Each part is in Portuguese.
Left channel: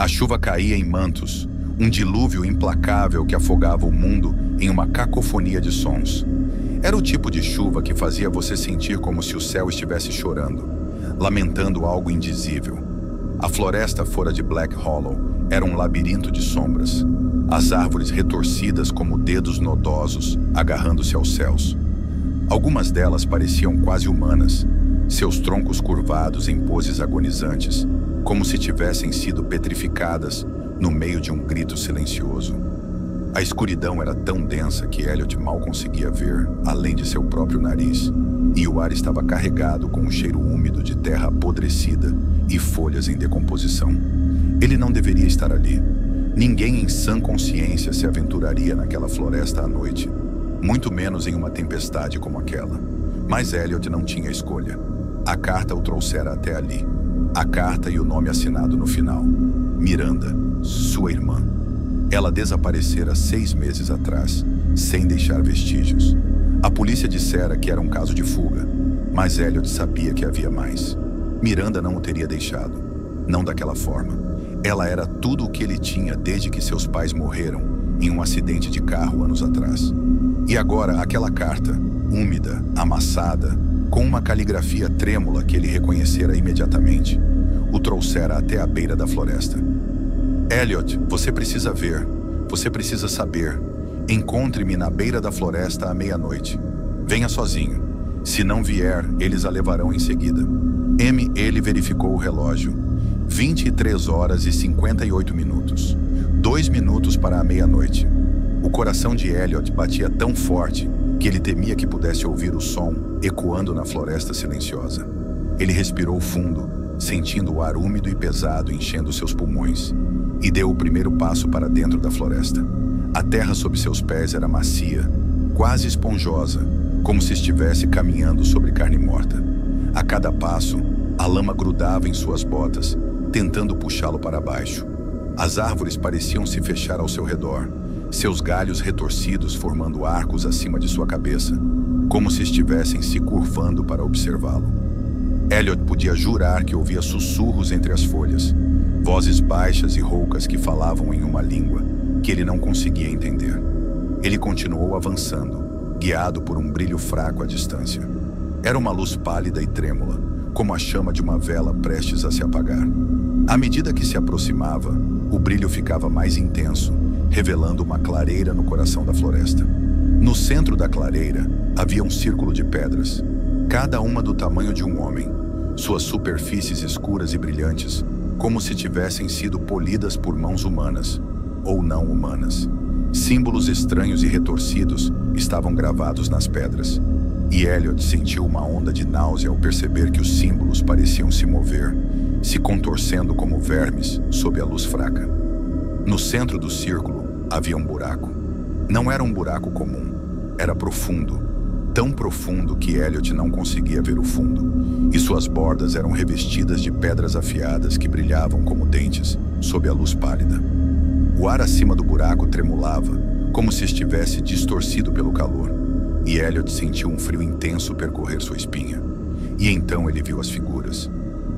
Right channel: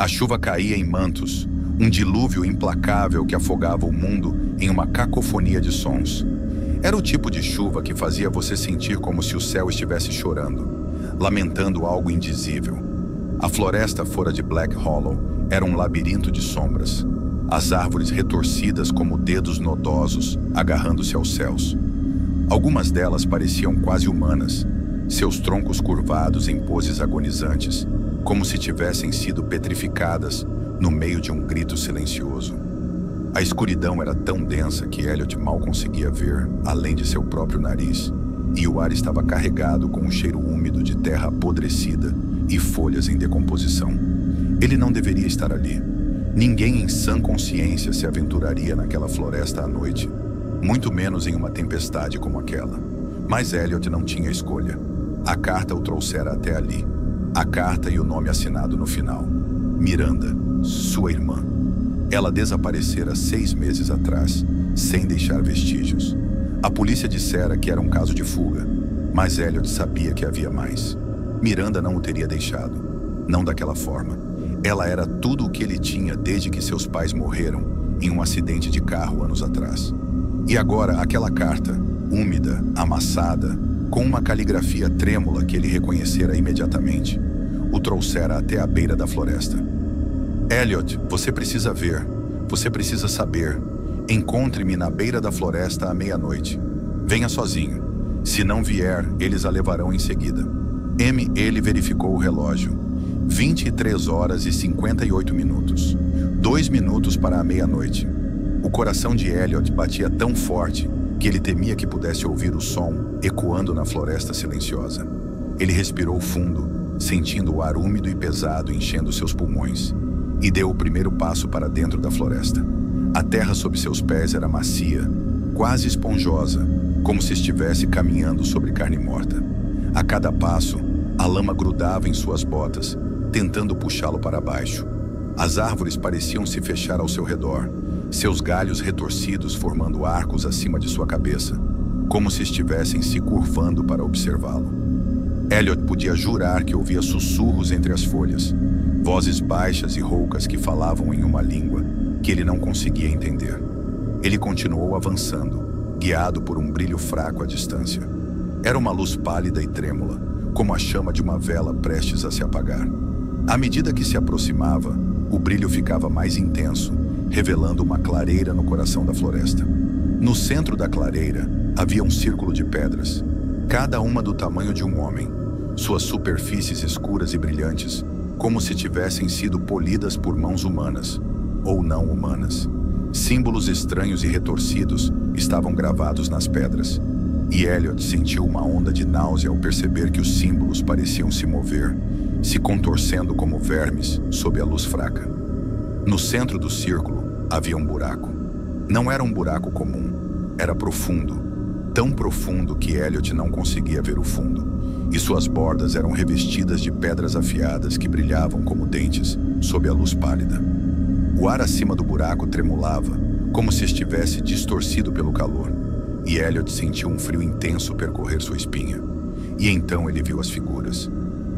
A chuva caía em mantos, um dilúvio implacável que afogava o mundo em uma cacofonia de sons. Era o tipo de chuva que fazia você sentir como se o céu estivesse chorando, lamentando algo indizível. A floresta fora de Black Hollow era um labirinto de sombras, as árvores retorcidas como dedos nodosos, agarrando-se aos céus. Algumas delas pareciam quase humanas, seus troncos curvados em poses agonizantes, como se tivessem sido petrificadas no meio de um grito silencioso. A escuridão era tão densa que Elliot mal conseguia ver além de seu próprio nariz, e o ar estava carregado com um cheiro úmido de terra apodrecida e folhas em decomposição. Ele não deveria estar ali. Ninguém em sã consciência se aventuraria naquela floresta à noite, muito menos em uma tempestade como aquela. Mas Elliot não tinha escolha. A carta o trouxera até ali. A carta e o nome assinado no final. Miranda, sua irmã. Ela desaparecera 6 meses atrás, sem deixar vestígios. A polícia dissera que era um caso de fuga, mas Elliot sabia que havia mais. Miranda não o teria deixado. Não daquela forma. Ela era tudo o que ele tinha desde que seus pais morreram em um acidente de carro anos atrás. E agora aquela carta, úmida, amassada, com uma caligrafia trêmula que ele reconhecera imediatamente, o trouxera até a beira da floresta. Elliot, você precisa ver, você precisa saber. Encontre-me na beira da floresta à meia-noite. Venha sozinho. Se não vier, eles a levarão em seguida. Ele verificou o relógio. 23 horas e 58 minutos. 2 minutos para a meia-noite. O coração de Elliot batia tão forte que ele temia que pudesse ouvir o som ecoando na floresta silenciosa. Ele respirou fundo, sentindo o ar úmido e pesado enchendo seus pulmões, e deu o primeiro passo para dentro da floresta. A terra sob seus pés era macia, quase esponjosa, como se estivesse caminhando sobre carne morta. A cada passo, a lama grudava em suas botas, tentando puxá-lo para baixo. As árvores pareciam se fechar ao seu redor, seus galhos retorcidos formando arcos acima de sua cabeça, como se estivessem se curvando para observá-lo. Elliot podia jurar que ouvia sussurros entre as folhas, vozes baixas e roucas que falavam em uma língua que ele não conseguia entender. Ele continuou avançando, guiado por um brilho fraco à distância. Era uma luz pálida e trêmula, como a chama de uma vela prestes a se apagar. À medida que se aproximava, o brilho ficava mais intenso, revelando uma clareira no coração da floresta. No centro da clareira, havia um círculo de pedras, cada uma do tamanho de um homem, suas superfícies escuras e brilhantes, como se tivessem sido polidas por mãos humanas, ou não humanas. Símbolos estranhos e retorcidos estavam gravados nas pedras, e Elliot sentiu uma onda de náusea ao perceber que os símbolos pareciam se mover, se contorcendo como vermes sob a luz fraca. No centro do círculo havia um buraco. Não era um buraco comum, era profundo, tão profundo que Elliot não conseguia ver o fundo, e suas bordas eram revestidas de pedras afiadas que brilhavam como dentes sob a luz pálida. O ar acima do buraco tremulava, como se estivesse distorcido pelo calor, e Elliot sentiu um frio intenso percorrer sua espinha. E então ele viu as figuras.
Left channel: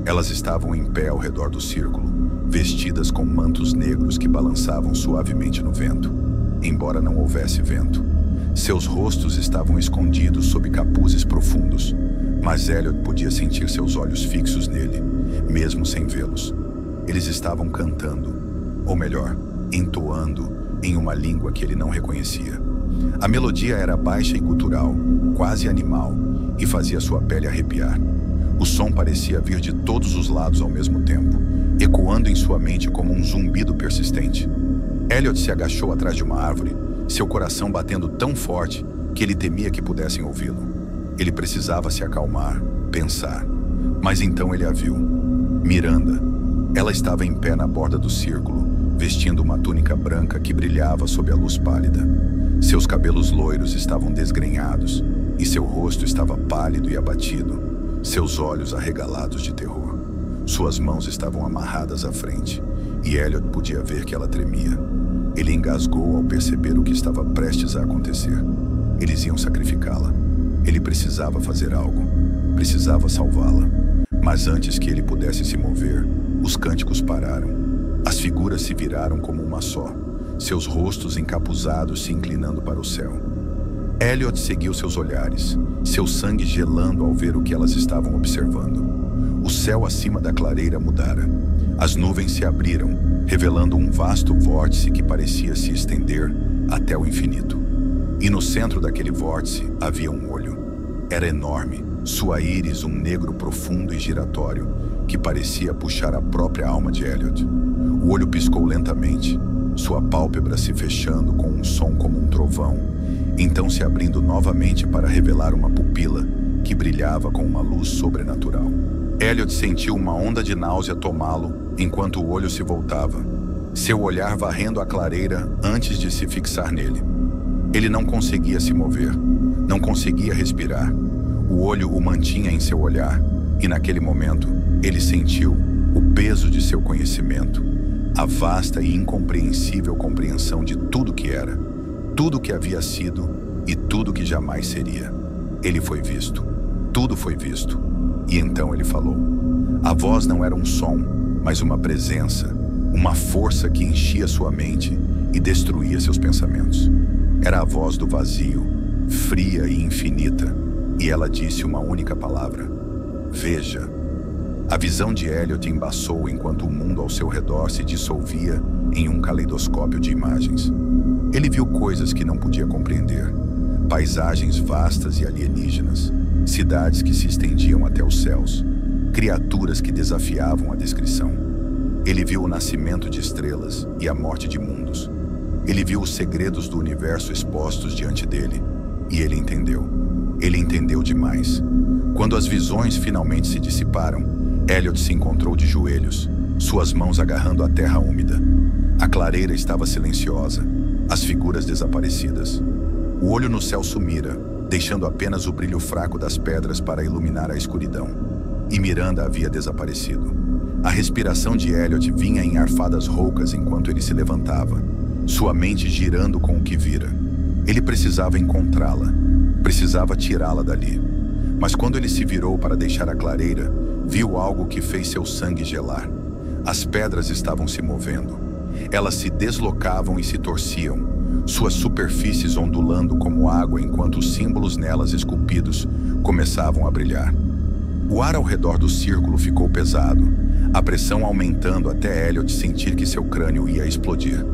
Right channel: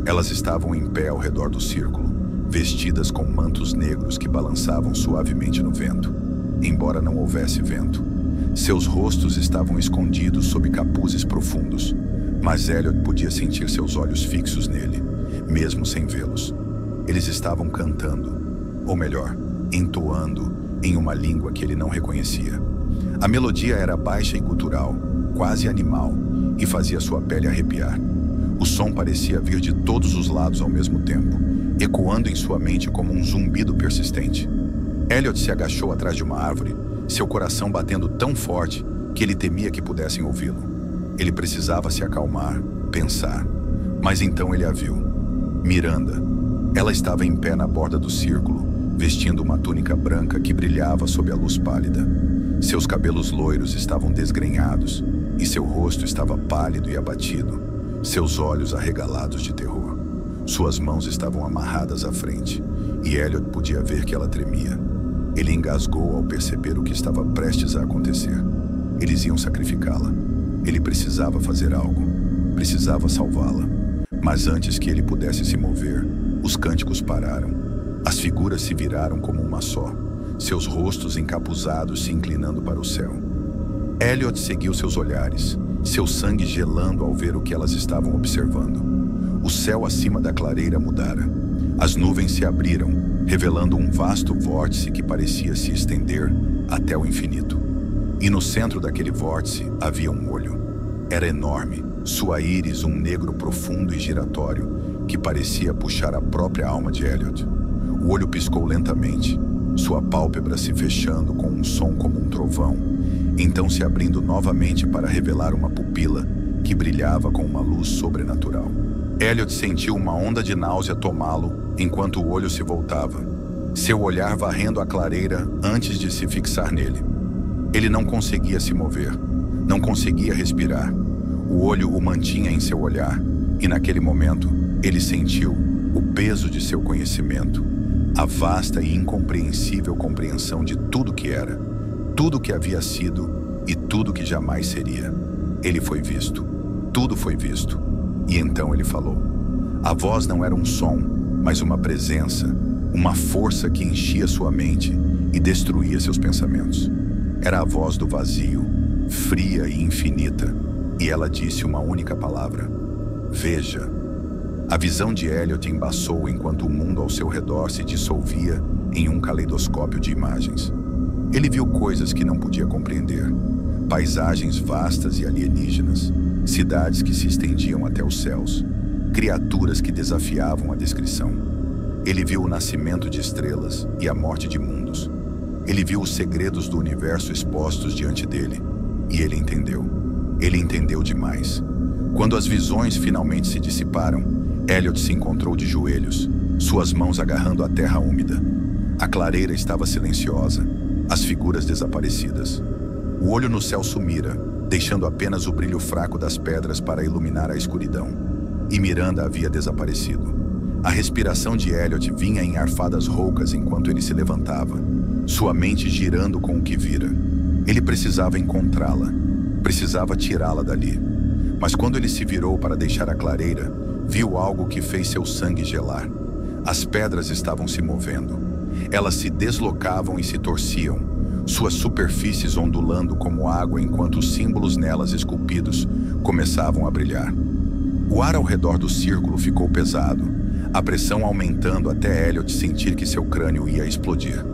Elas estavam em pé ao redor do círculo, vestidas com mantos negros que balançavam suavemente no vento, embora não houvesse vento. Seus rostos estavam escondidos sob capuzes profundos, mas Elliot podia sentir seus olhos fixos nele, mesmo sem vê-los. Eles estavam cantando, ou melhor, entoando em uma língua que ele não reconhecia. A melodia era baixa e gutural, quase animal, e fazia sua pele arrepiar. O som parecia vir de todos os lados ao mesmo tempo, ecoando em sua mente como um zumbido persistente. Elliot se agachou atrás de uma árvore, seu coração batendo tão forte que ele temia que pudessem ouvi-lo. Ele precisava se acalmar, pensar. Mas então ele a viu. Miranda. Ela estava em pé na borda do círculo, vestindo uma túnica branca que brilhava sob a luz pálida. Seus cabelos loiros estavam desgrenhados e seu rosto estava pálido e abatido, seus olhos arregalados de terror. Suas mãos estavam amarradas à frente, e Elliot podia ver que ela tremia. Ele engasgou ao perceber o que estava prestes a acontecer. Eles iam sacrificá-la. Ele precisava fazer algo. Precisava salvá-la. Mas antes que ele pudesse se mover, os cânticos pararam. As figuras figuras se viraram como uma só, seus rostos encapuzados se inclinando para o céu. Elliot seguiu seus olhares, seu sangue gelando ao ver o que elas estavam observando. O céu acima da clareira mudara. As nuvens se abriram, revelando um vasto vórtice que parecia se estender até o infinito. E no centro daquele vórtice havia um olho. Era enorme, sua íris um negro profundo e giratório, que parecia puxar a própria alma de Elliot. O olho piscou lentamente, sua pálpebra se fechando com um som como um trovão, então se abrindo novamente para revelar uma pupila que brilhava com uma luz sobrenatural. Elliot sentiu uma onda de náusea tomá-lo enquanto o olho se voltava, seu olhar varrendo a clareira antes de se fixar nele. Ele não conseguia se mover, não conseguia respirar. O olho o mantinha em seu olhar, e naquele momento ele sentiu o peso de seu conhecimento, a vasta e incompreensível compreensão de tudo que era, tudo que havia sido e tudo que jamais seria. Ele foi visto, tudo foi visto, e então ele falou. A voz não era um som, mas uma presença, uma força que enchia sua mente e destruía seus pensamentos. Era a voz do vazio, fria e infinita, e ela disse uma única palavra: veja. A visão de Elliot embaçou enquanto o mundo ao seu redor se dissolvia em um caleidoscópio de imagens. Ele viu coisas que não podia compreender, paisagens vastas e alienígenas, cidades que se estendiam até os céus, criaturas que desafiavam a descrição. Ele viu o nascimento de estrelas e a morte de mundos. Ele viu os segredos do universo expostos diante dele, e ele entendeu. Ele entendeu demais. Quando as visões finalmente se dissiparam, Elliot se encontrou de joelhos, suas mãos agarrando a terra úmida. A clareira estava silenciosa, as figuras desaparecidas. O olho no céu sumira, deixando apenas o brilho fraco das pedras para iluminar a escuridão. E Miranda havia desaparecido. A respiração de Elliot vinha em arfadas roucas enquanto ele se levantava, sua mente girando com o que vira. Ele precisava encontrá-la, precisava tirá-la dali. Mas quando ele se virou para deixar a clareira, viu algo que fez seu sangue gelar. As pedras estavam se movendo. Elas se deslocavam e se torciam, suas superfícies ondulando como água enquanto os símbolos nelas esculpidos começavam a brilhar. O ar ao redor do círculo ficou pesado, a pressão aumentando até Elliot sentir que seu crânio ia explodir.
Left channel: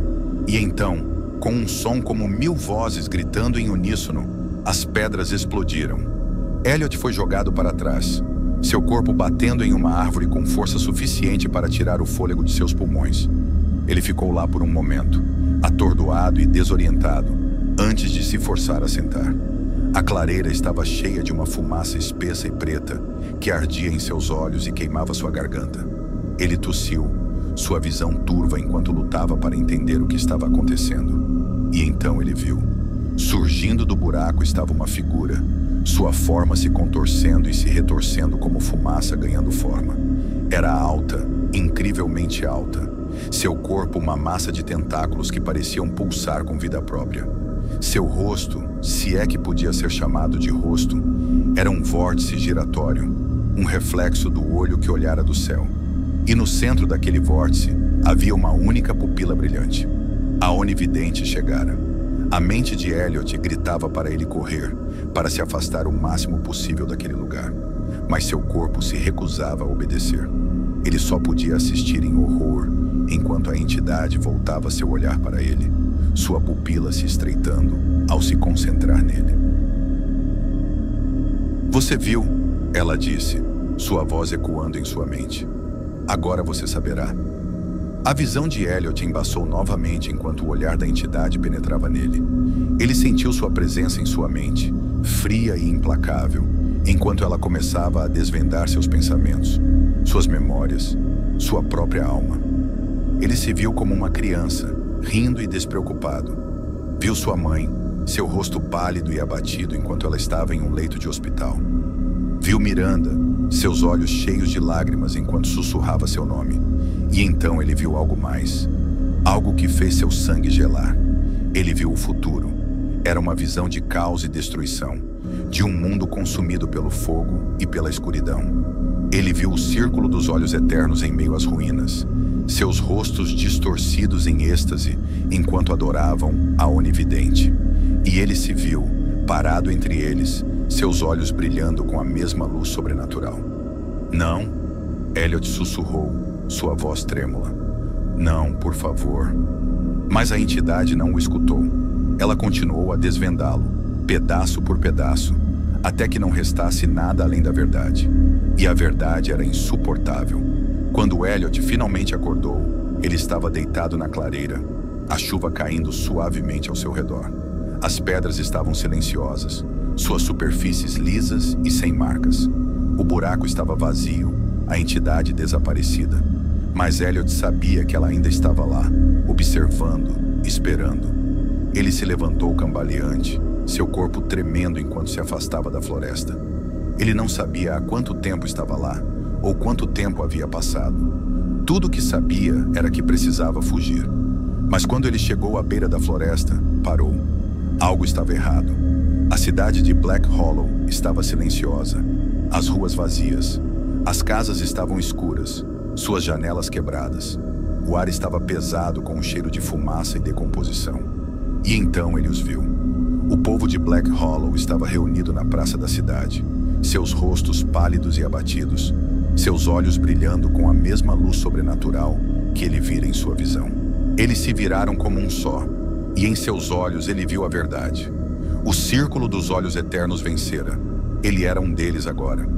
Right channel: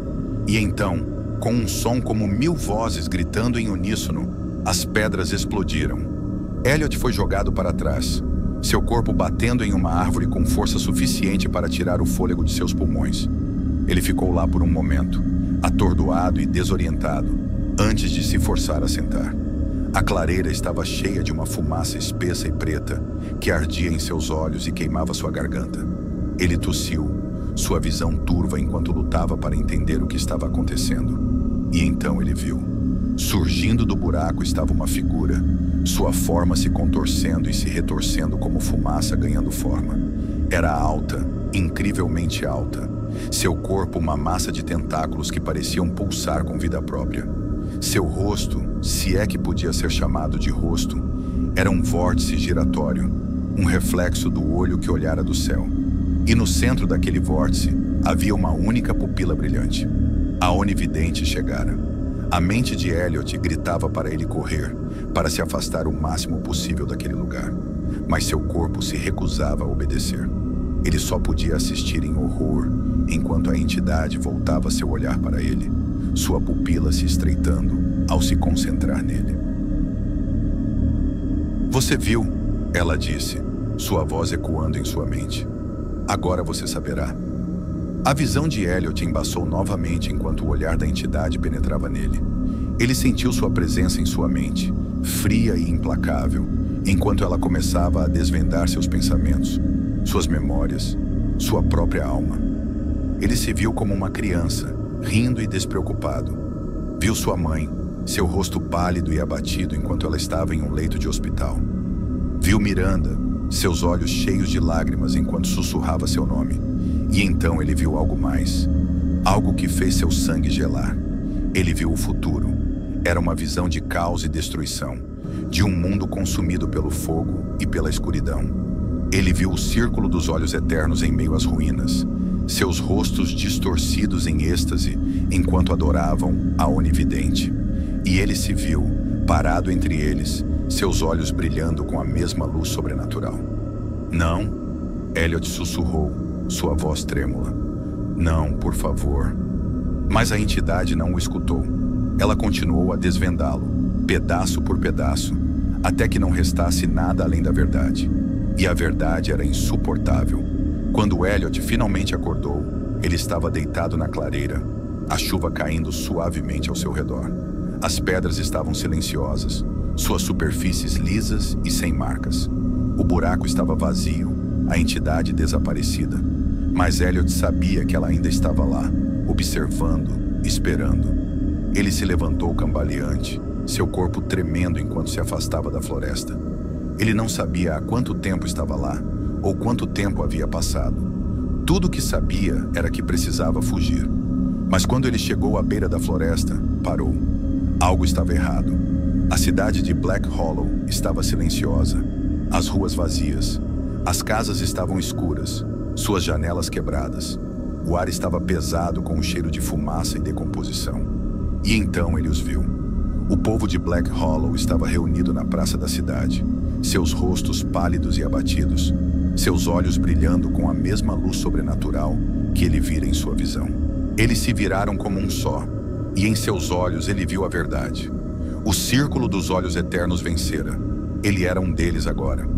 E então, com um som como 1000 vozes gritando em uníssono, as pedras explodiram. Elliot foi jogado para trás, seu corpo batendo em uma árvore com força suficiente para tirar o fôlego de seus pulmões. Ele ficou lá por um momento, atordoado e desorientado, antes de se forçar a sentar. A clareira estava cheia de uma fumaça espessa e preta, que ardia em seus olhos e queimava sua garganta. Ele tossiu, sua visão turva enquanto lutava para entender o que estava acontecendo. E então ele viu. Surgindo do buraco estava uma figura, sua forma se contorcendo e se retorcendo como fumaça ganhando forma. Era alta, incrivelmente alta. Seu corpo uma massa de tentáculos que pareciam pulsar com vida própria. Seu rosto, se é que podia ser chamado de rosto, era um vórtice giratório, um reflexo do olho que olhara do céu. E no centro daquele vórtice havia uma única pupila brilhante. A onividente chegara. A mente de Elliot gritava para ele correr, para se afastar o máximo possível daquele lugar. Mas seu corpo se recusava a obedecer. Ele só podia assistir em horror, enquanto a entidade voltava seu olhar para ele, sua pupila se estreitando ao se concentrar nele. Você viu? Ela disse, sua voz ecoando em sua mente. Agora você saberá. A visão de Elliot embaçou novamente enquanto o olhar da entidade penetrava nele. Ele sentiu sua presença em sua mente, fria e implacável, enquanto ela começava a desvendar seus pensamentos, suas memórias, sua própria alma. Ele se viu como uma criança, rindo e despreocupado. Viu sua mãe, seu rosto pálido e abatido enquanto ela estava em um leito de hospital. Viu Miranda, seus olhos cheios de lágrimas enquanto sussurrava seu nome. E então ele viu algo mais, algo que fez seu sangue gelar. Ele viu o futuro. Era uma visão de caos e destruição, de um mundo consumido pelo fogo e pela escuridão. Ele viu o círculo dos olhos eternos em meio às ruínas, seus rostos distorcidos em êxtase enquanto adoravam a onividente. E ele se viu, parado entre eles, seus olhos brilhando com a mesma luz sobrenatural. Não, Elliot sussurrou, sua voz trêmula. Não, por favor. Mas a entidade não o escutou. Ela continuou a desvendá-lo, pedaço por pedaço, até que não restasse nada além da verdade. E a verdade era insuportável. Quando Elliot finalmente acordou, ele estava deitado na clareira, a chuva caindo suavemente ao seu redor. As pedras estavam silenciosas, suas superfícies lisas e sem marcas. O buraco estava vazio, a entidade desaparecida. Mas Elliot sabia que ela ainda estava lá, observando, esperando. Ele se levantou cambaleante, seu corpo tremendo enquanto se afastava da floresta. Ele não sabia há quanto tempo estava lá, ou quanto tempo havia passado. Tudo o que sabia era que precisava fugir. Mas quando ele chegou à beira da floresta, parou. Algo estava errado. A cidade de Black Hollow estava silenciosa, as ruas vazias, as casas estavam escuras, suas janelas quebradas. O ar estava pesado com um cheiro de fumaça e decomposição. E então ele os viu. O povo de Black Hollow estava reunido na praça da cidade, seus rostos pálidos e abatidos, seus olhos brilhando com a mesma luz sobrenatural que ele vira em sua visão. Eles se viraram como um só, e em seus olhos ele viu a verdade. O círculo dos olhos eternos vencera. Ele era um deles agora.